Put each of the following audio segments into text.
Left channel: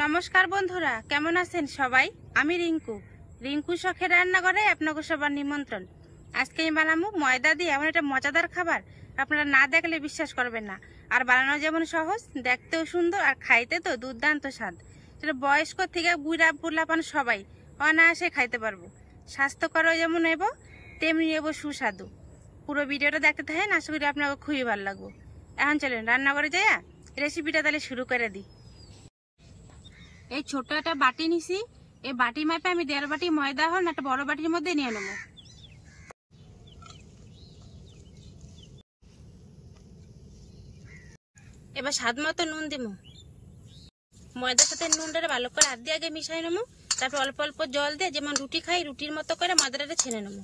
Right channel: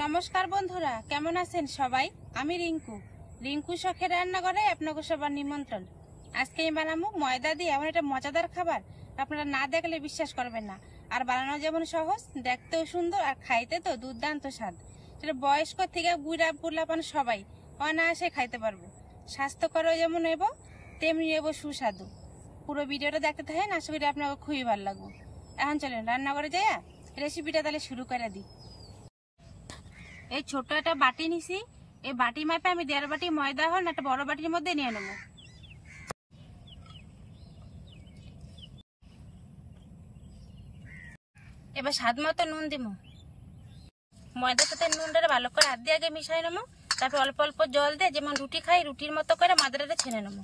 নমস্কার বন্ধুরা, কেমন আছেন সবাই? আমি রিঙ্কু শখের রান্নাঘরে আপনাকে সবার নিমন্ত্রণ। আজকে আমি বানাবো ময়দা দিয়ে এমন একটা মজাদার খাবার, আপনারা না দেখলে বিশ্বাস করবেন না। আর বানানো যেমন সহজ, দেখতেও সুন্দর, আর খাইতে তো দুর্দান্ত স্বাদ। সেটা বয়স্ক থেকে বুড়া পোলাপান সবাই অনায়াসে খাইতে পারবো। স্বাস্থ্যকরও যেমন নেব, তেমনি নেব সুস্বাদু। পুরো ভিডিওটা দেখতে থাকেন, আশা করি আপনাকে খুবই ভালো লাগবে। এখন চলেন রান্নাঘরে যাইয়া রেসিপিটা তাহলে শুরু করে দিই। এই ছোট একটা বাটি নিছি, এই বাটি মাপে আমি 1.5 বাটি ময়দা হন একটা বড় বাটির মধ্যে নিয়ে নেব। এবার স্বাদ মতো নুন দিব। ময়দার সাথে নুনটা ভালো করে হাত দিয়ে আগে মিশাই নেব, তারপর অল্প অল্প জল দিয়ে যেমন রুটি খাই রুটির মতো করে ময়দাটা ছেনে নেব।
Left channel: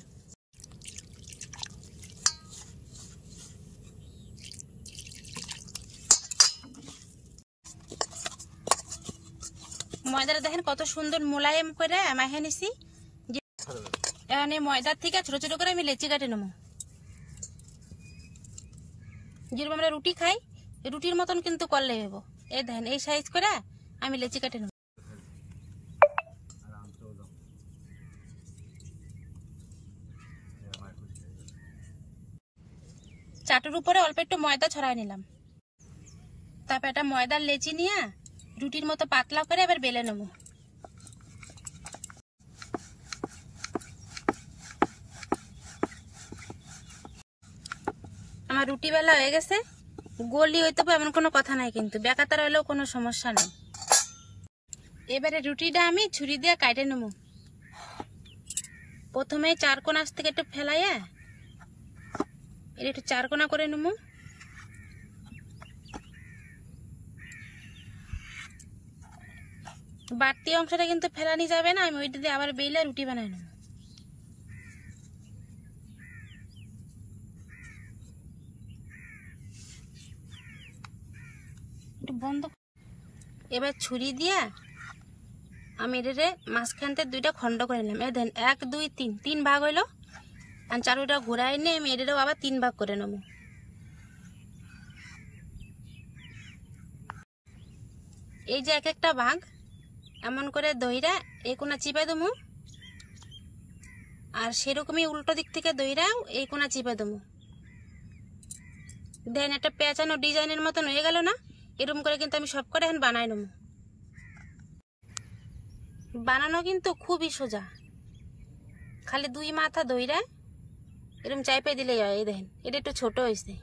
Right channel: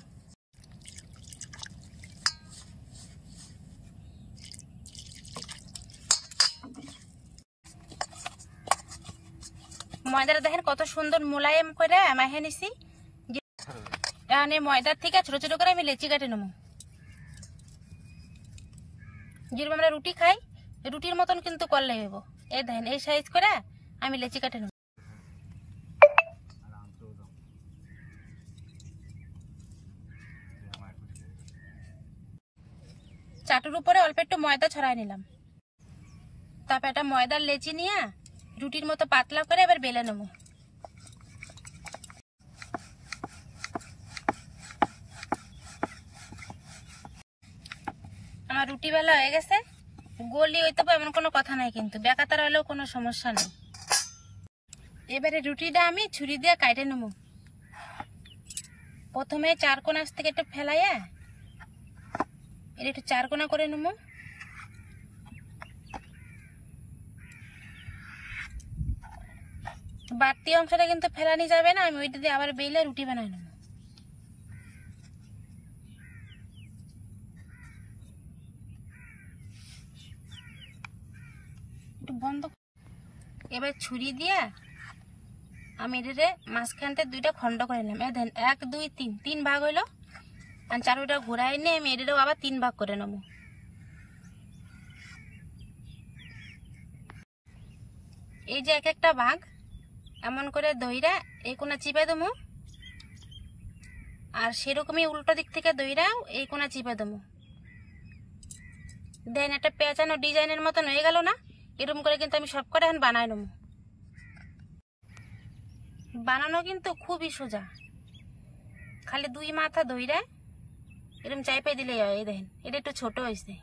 ময়দাটা দেখেন কত সুন্দর মোলায়েম করে মাখে নিছি। এখানে ময়দার থেকে ছোট ছোট করে আমি লেচি কাটে নেব। যেরকম আমরা রুটি খাই রুটির মতন কিন্তু করলে হইব। এই দেখেন এই সাইজ করে আমি লেচি কাটে নেব। চাটুর উপরে অল্প একটু ময়দা ছড়াই নিলাম। তারপর একটা ময়দার লেচি নিয়ে রুটির মতো পাতলা করে এবার বেলে নেব। আমার রুটি বেলা হয়ে গেছে। গলি হইতে এমন কোনো কথা নাই, কিন্তু বেকাতার হলেও কোনো সমস্যা নেই। এবারে রুটিটা আমি ছুরি দিয়ে কাটে নেব। প্রথমে 4 কোনা থেকে একটু ফেলাইয়া এটা একটু 4 কোনা করে নেব। বাড়তি অংশটা কিন্তু ফেলানি যাবে না, আমি ওইটা দিয়ে আবার বেলে রুটি বানাই নেব। বন্ধ। এবার ছুরি দিয়ে আমি এটাতে মাঝখানতে 2টা খণ্ড করে নিলাম। এই দেন 1 2 3 3 ভাগ হইলো। আর চারুটা ঘোরাই নিয়ে আমি এটাও আবার 3 ভাগ করে নেব। এই যে এক একটা ভাগ এমন করে দইরা এই কোনা চিপে দেবো, আর সেরকমই উল্টো দিক থেকে দইরাও এই কোনা চিপে দেবো। দেন একটা পেঁচানো ডিজাইনের মতন হয়ে গেল না? এরকম করে কিন্তু আমি সব করে এখন বানাই নেব। বানানো কিন্তু খুবই সোজা, খালি 2 মাথা দইরা এরকম চাইপে দিলেই হয়। এই দেখেন এটা একটু ছোট হয়েছে।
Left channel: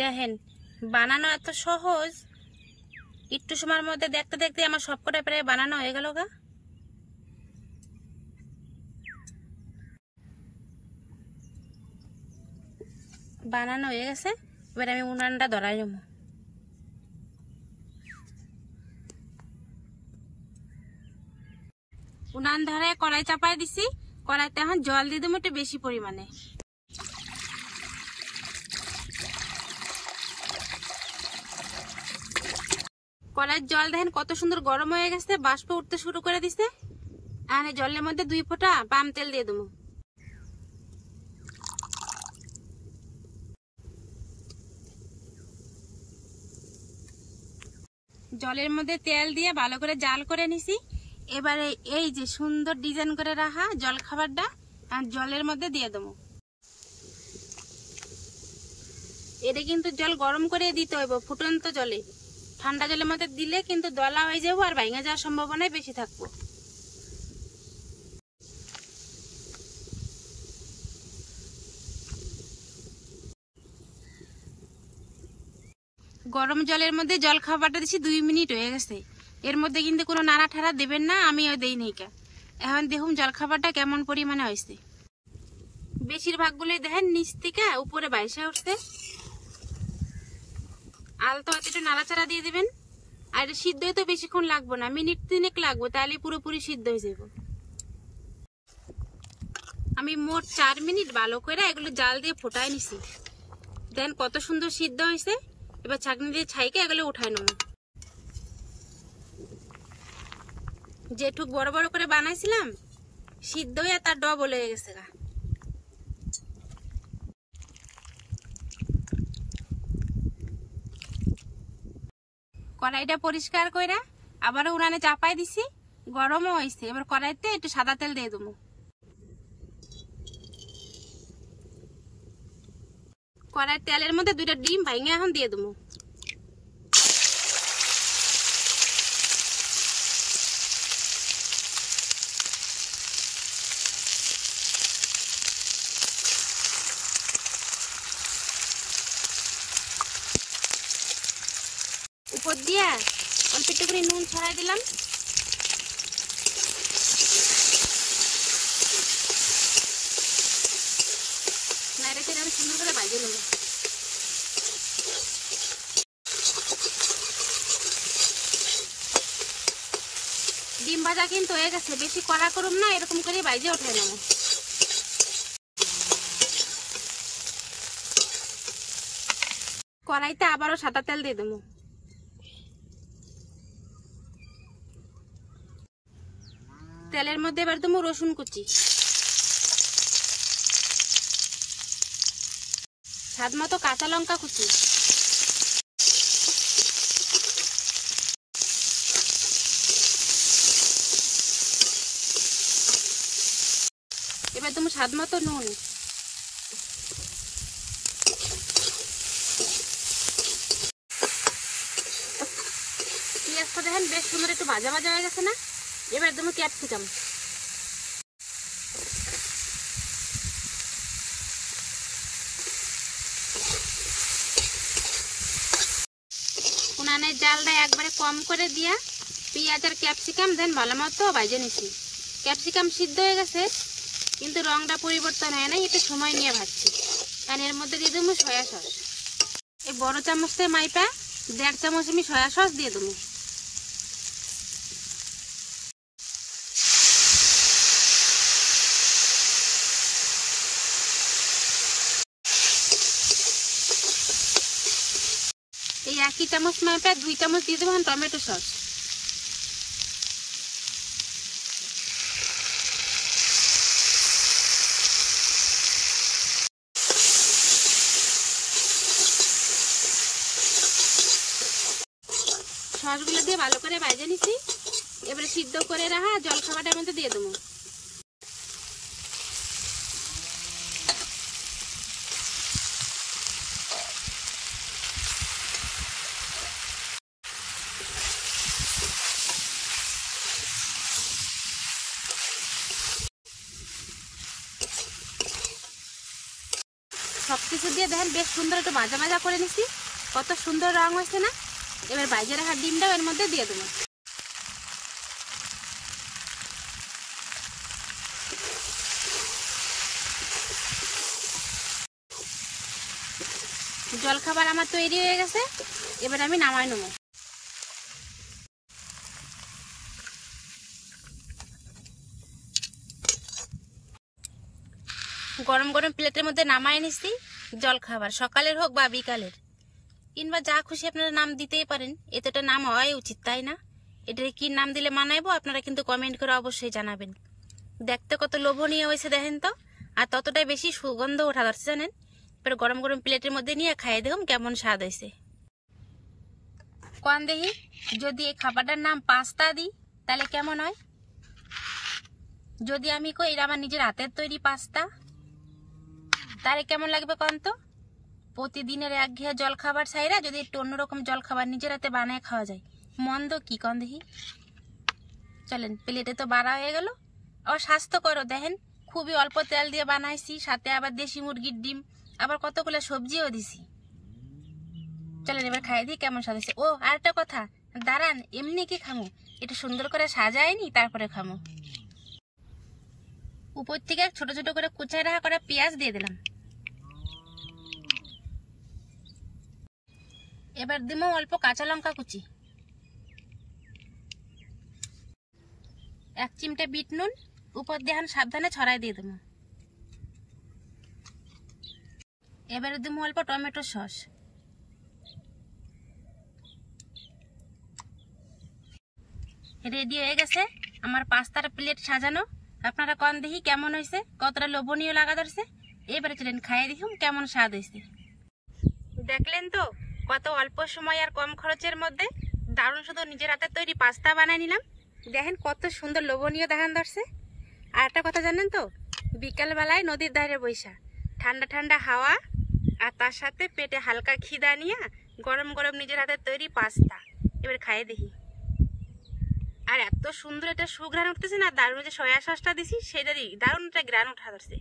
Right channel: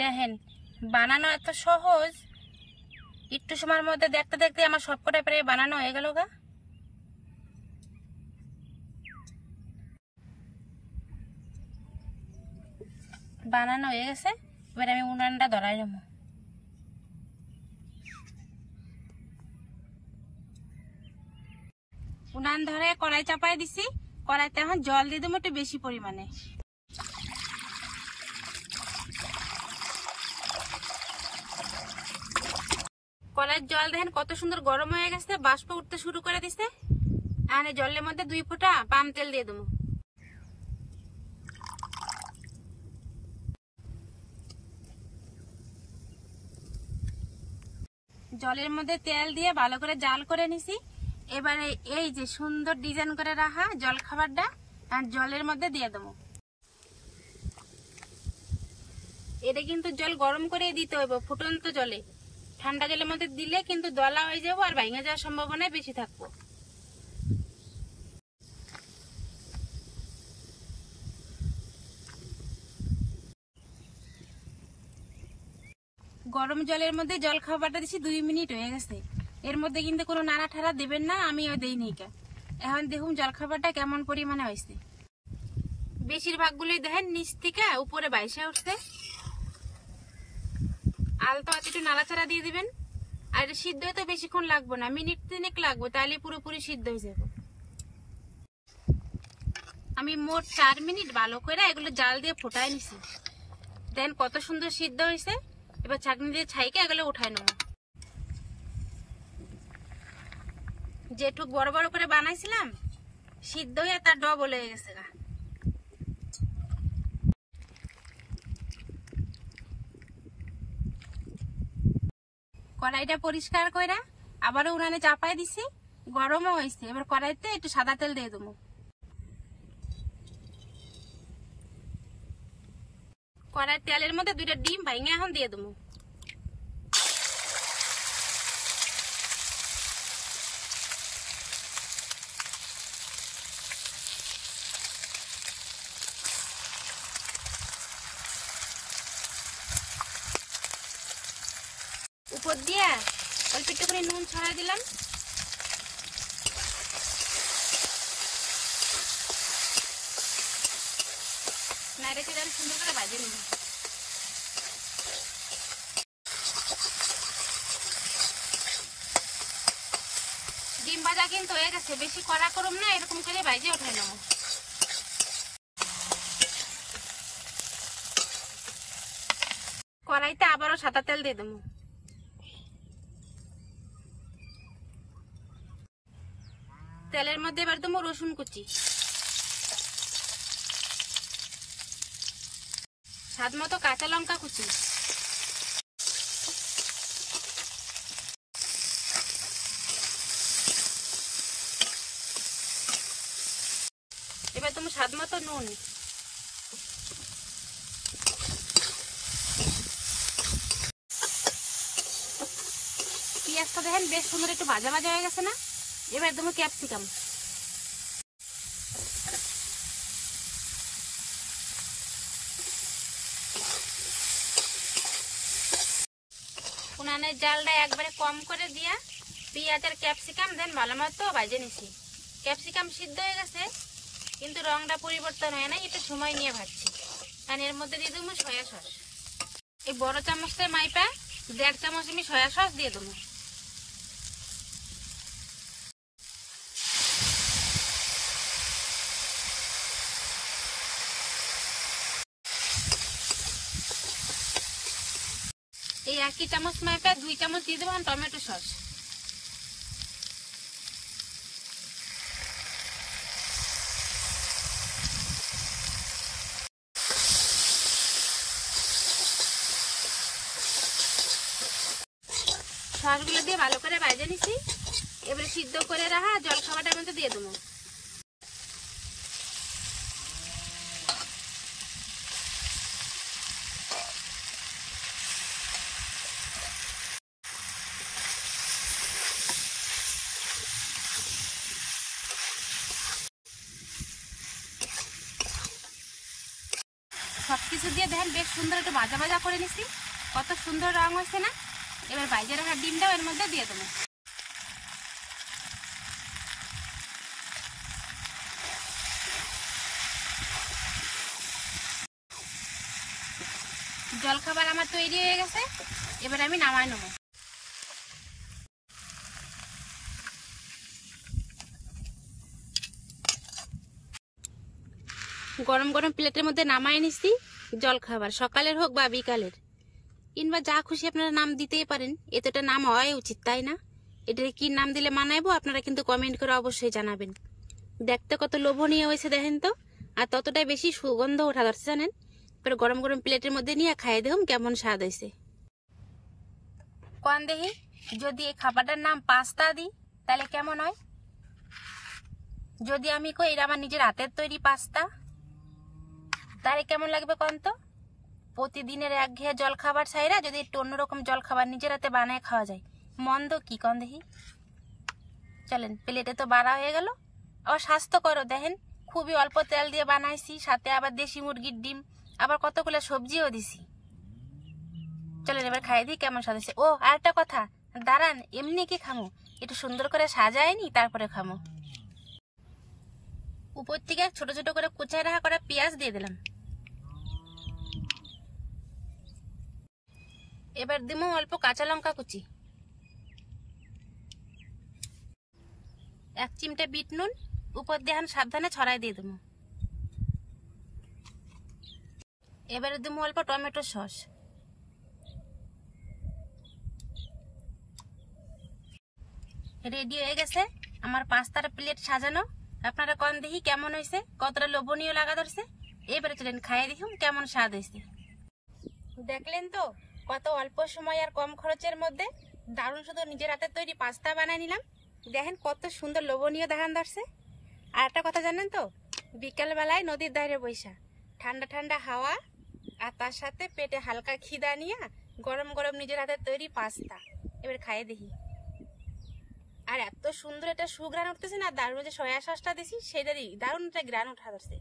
দেখেন বানানো এত সহজ, একটু সময়ের মধ্যে দেখতে দেখতে আমার সবকটা প্রায় বানানো হয়ে গেল গা। বানানো হয়ে গেছে। এবার আমি উনানটা ধরাই নেব। উনান ধরে কড়াই চাপাই দিছি। কড়াইতে এখন জল দিয়ে দেবো একটু বেশি পরিমাণে। কড়াইয়ের জল দেখেন কত সুন্দর গরম হয়ে গেছে, বাষ্প উঠতে শুরু করে দিছে। আর জলের মধ্যে 2 ফোঁটা পাম তেল দিয়ে দেবো। জলের মধ্যে তেল দিয়ে ভালো করে জাল করে নিছি। এবারে এই যে সুন্দর ডিজাইন করে রাখা জল খাবারটা আর জলের মধ্যে দিয়ে দেবো। এটা কিন্তু জল গরম করে দিতে হইব, ফুটন্ত জলে। ঠান্ডা জলের মধ্যে দিলে কিন্তু দলা হয়ে যাবো আর ভাঙা যাওয়ার সম্ভাবনা বেশি থাকবো। গরম জলের মধ্যে জল খাবারটা দিছি 2 মিনিট হয়ে গেছে। এর মধ্যে কিন্তু কোনো নাড়া ঠাড়া দেবেন না, আমিও দেই নাই। এখন দেখুন জল খাবারটা কেমন পরিমাণে হয়েছে। বেশিরভাগগুলোই দেখেন নিচ থেকে উপরে বাইসা উঠছে। আলতো একটু নাড়াচাড়া দিয়ে দিবেন। আর এটা সিদ্ধ হতে বেশিক্ষণ লাগবে না, মিনিট 3 লাগবে, তাহলে পুরোপুরি সিদ্ধ হয়ে যাবে। আমি মোট 4 মিনিট ভালো করে এগুলো জাল দিয়ে ফোটায় নিছি। দেন কত সুন্দর সিদ্ধ হয়েছে। এবার ছাঁকনি দিয়ে ছাইকে এগুলো উঠায় নেব। যেটুক বড় বড় করে বানাইছিলাম সিদ্ধ হয়ে তার ডবল হয়ে গেছে গা। কড়াইটা পরিষ্কার করে আবারও উনানে চাপাই দিছি, গরমও হয়েছে। এবার কড়াইতে একটু সাদা তেল দিয়ে দেবো। কড়াইয়ের তেলের মধ্যে 2টা ডিম ভাঙে এখন দিয়ে দেবো। উপর দিয়ে অল্প একটু করে নুন ছড়াই দিলাম। নাড়িয়ে আমি সুন্দর করে ভাজে নেব। ডিম ভাজা কিন্তু হয়ে গেছে, বেশি কড়া করুম না, এরকম করে ভাজে উঠাই নেব। কড়াইতে আবারও সাদা তেল দিয়ে দেবো। তেলের মধ্যে এবার দেবো রসুন কুচি, স্বাদ মতো কাঁচা লঙ্কা কুচি, এবার দেবো স্বাদ মতো নুন। পেঁয়াজটা দেখেন বেশ সুন্দর একটু ভাজা ভাজা হয়ে গেছে না? এবার দেবো ক্যাপসিকাম। উনানের জালটা একবারে কম করে দিয়া পেঁয়াজ আর ক্যাপসিকাম দেন ভালো মতো ভাজে নিছি। ক্যাপসিকাম সিদ্ধ হয়ে গেছে কিন্তু রংটা পরিবর্তন হয় নাই, এটা সময় নিয়ে ভাজছি। কারণ এর মধ্যে দিয়ে দেবো সয়া সস। এই বড় চামচের মাইপা 1.5 চামচ আমি সয়া সস দিয়ে দেবো। এই 1 চামচ মাপে 2 চামচ দিয়ে দেবো টমেটো সস। সসগুলো দিয়ে ভালো করে ভেজে নিছি। এবারে সিদ্ধ করে রাখা জলখাবারটার মধ্যে দিয়ে দেবো। সবকিছু দিয়ে দেখেন বেশ সুন্দর একটু ভাজা ভাজা করে নিছি, কত সুন্দর রং হয়েছে না? এবার ভাজা রাখা ডিমটাও এর মধ্যে দিয়ে দেবো। জলখাবার আমার তৈরি হয়ে গেছে, এবার আমি নামাই নেব। গরম গরম প্লেটের মধ্যে নামাই নিছি জলখাবার, সকালের হোক বা বিকালের, কিংবা যা খুশি আপনারা নাম দিতেই পারেন। এতটা নাম হওয়াই উচিত, তাই না? এটার কি নাম দিলে মানাইবো আপনারা কিন্তু কমেন্ট করে অবশ্যই জানাবেন। দেখতে কত লোভনীয় হয়েছে দেখেন তো, আর ততটাই বেশি সুগন্ধ ওঠা ধরছে জানেন। এবার গরম গরম প্লেটের মধ্যে নিয়ে খাইয়ে দেখুন কেমন স্বাদ হয়েছে। কোন দেখি যদি এই খাবারটার নাম পাস্তা দিই তাহলে কেমন হয়? যদি আমি কই এটা আমার নিজের হাতের তৈরি পাস্তা, তাহলে কেমন লাগবে কোন তো? প্রতিদিনের একঘেয়ে জল খাবার ছাইরা যদি একটু অন্যরকম জল খাবার নিজের হাতে বানায় খাওয়া যায়, মন্দ কি কোন দেখি? চলেন, প্লেটে তো বাড়া হয়ে গেল। আবার স্বাস্থ্যকরও দেখেন, খুবই অল্প তেল দিয়ে বানাইছি, সাথে আবার দেশি মুরগির ডিম, আবার কতগুলো সবজিও দিছি। চলেন এবার খাই দিই কেমন স্বাদ হয়েছে। ও আর একটা কথা, দাঁড়ান, এমনি কি খামো? একটু সুন্দর করে সাজায়নি তারপরে খামো। উপর থেকে ছোট ছোট করে কুচায় রাখা করা পেঁয়াজ দিয়ে দিলাম। এবার দিব অল্প কাঁচা লঙ্কা কুচি। 1 চিমটে বিট নুন উপর দিয়ে এখন সাবধানে ছড়াই দিয়ে দেবো। এবারে দেবো অল্প টমেটো সস। রেডি হয়ে গেছে আমার পাস্তার প্লেট সাজানো। আপনারা কন দেখি কেমন হয়েছে, কতটা লোভনীয় লাগা ধরছে। এবারে চলেন খাইয়ে দেখুন কেমন স্বাদ হয়েছে। দেখলেন তো কত অল্প সময় আর কম খরচের মধ্যে দারুণ শুধু নিজের হাতে তৈরি পাস্তা বানিয়ে নিলাম। দেখেন কত সুন্দর লোভনীয় দেখান ধরছে। আর একটা কথা জানেন তো, বিকালবেলায় নদীর ধারে বৈশা ঠান্ডা ঠান্ডা হাওয়া আর তার সাথে পেটে হালকা খিদা নিয়ে গরম গরম নিজের হাতে তৈরি পাস্তা এবার খাইয়ে দেখি। আর এত সুন্দর এটা সুঘ্রাণ উঠতেছে না, দারুণ যে সয়া সসটা দিছি সেটারই দারুণ একটা গ্রান উঠা ধরছে।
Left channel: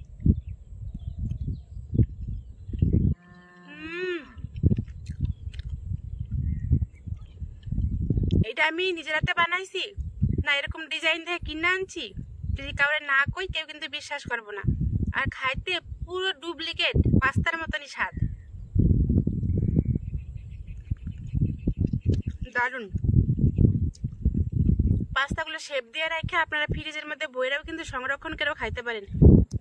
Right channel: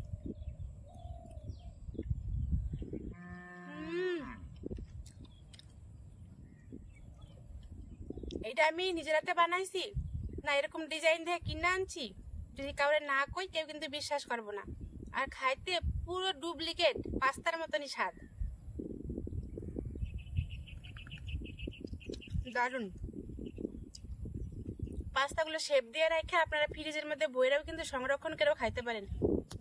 এটা আমি নিজের হাতে বানাইছি না, এরকম ডিজাইন দিয়ে কিনে আনছি। যদি কাউরে না কই কেউ কিন্তু বিশ্বাস করবো না। আর খাইতে পুরো ডুপ্লিকেট পাস্তার মতনই স্বাদ, দারুণ। পাস্তাগুলো শেপ দিয়ে রেখে আপনারা ফ্রিজের মধ্যে বইরাও কিন্তু সংরক্ষণ করেও খাইতে পারেন।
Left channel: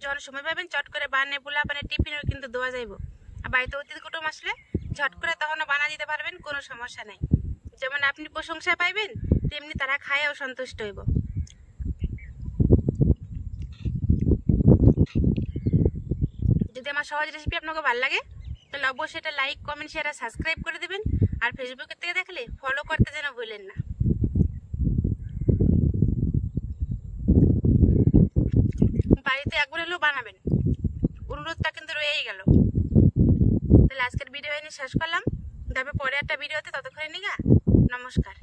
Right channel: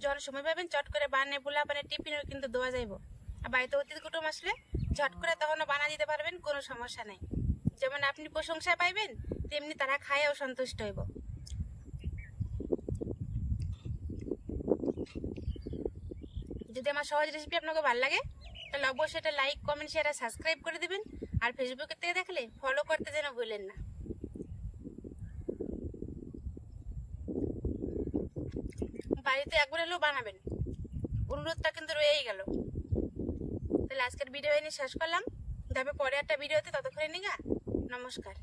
যখন সময় পাবেন চট করে বানিয়ে পোলা বানিয়ে টিফিনেও কিন্তু দেওয়া যাইব। আর বাড়িতে অতিথি কুটুম আসলে ঝট করে তখনও বানা দিতে পারবেন, কোনো সমস্যা নাই। যেমন আপনি প্রশংসা পাইবেন তেমনি তারা খায়ও সন্তুষ্ট হইব। যদি আমার সহজ রেসিপি আপনাকে ভালো লাগে তাহলে অবশ্যই এটা লাইক কমেন্ট শেয়ার আর সাবস্ক্রাইব করে দিবেন। আর ফেসবুক থেকে দেখলে ফলো করতে যেন ভুলেন না। বাড়িতে একবার হলেও বানাবেন, অনুরোধটা কিন্তু রয়েই গেল। তাহলে আজকের ভিডিও এনে শেষ করলাম, তবে পরে একটা ভিডিওতে, ততক্ষণে নিগা নমস্কার।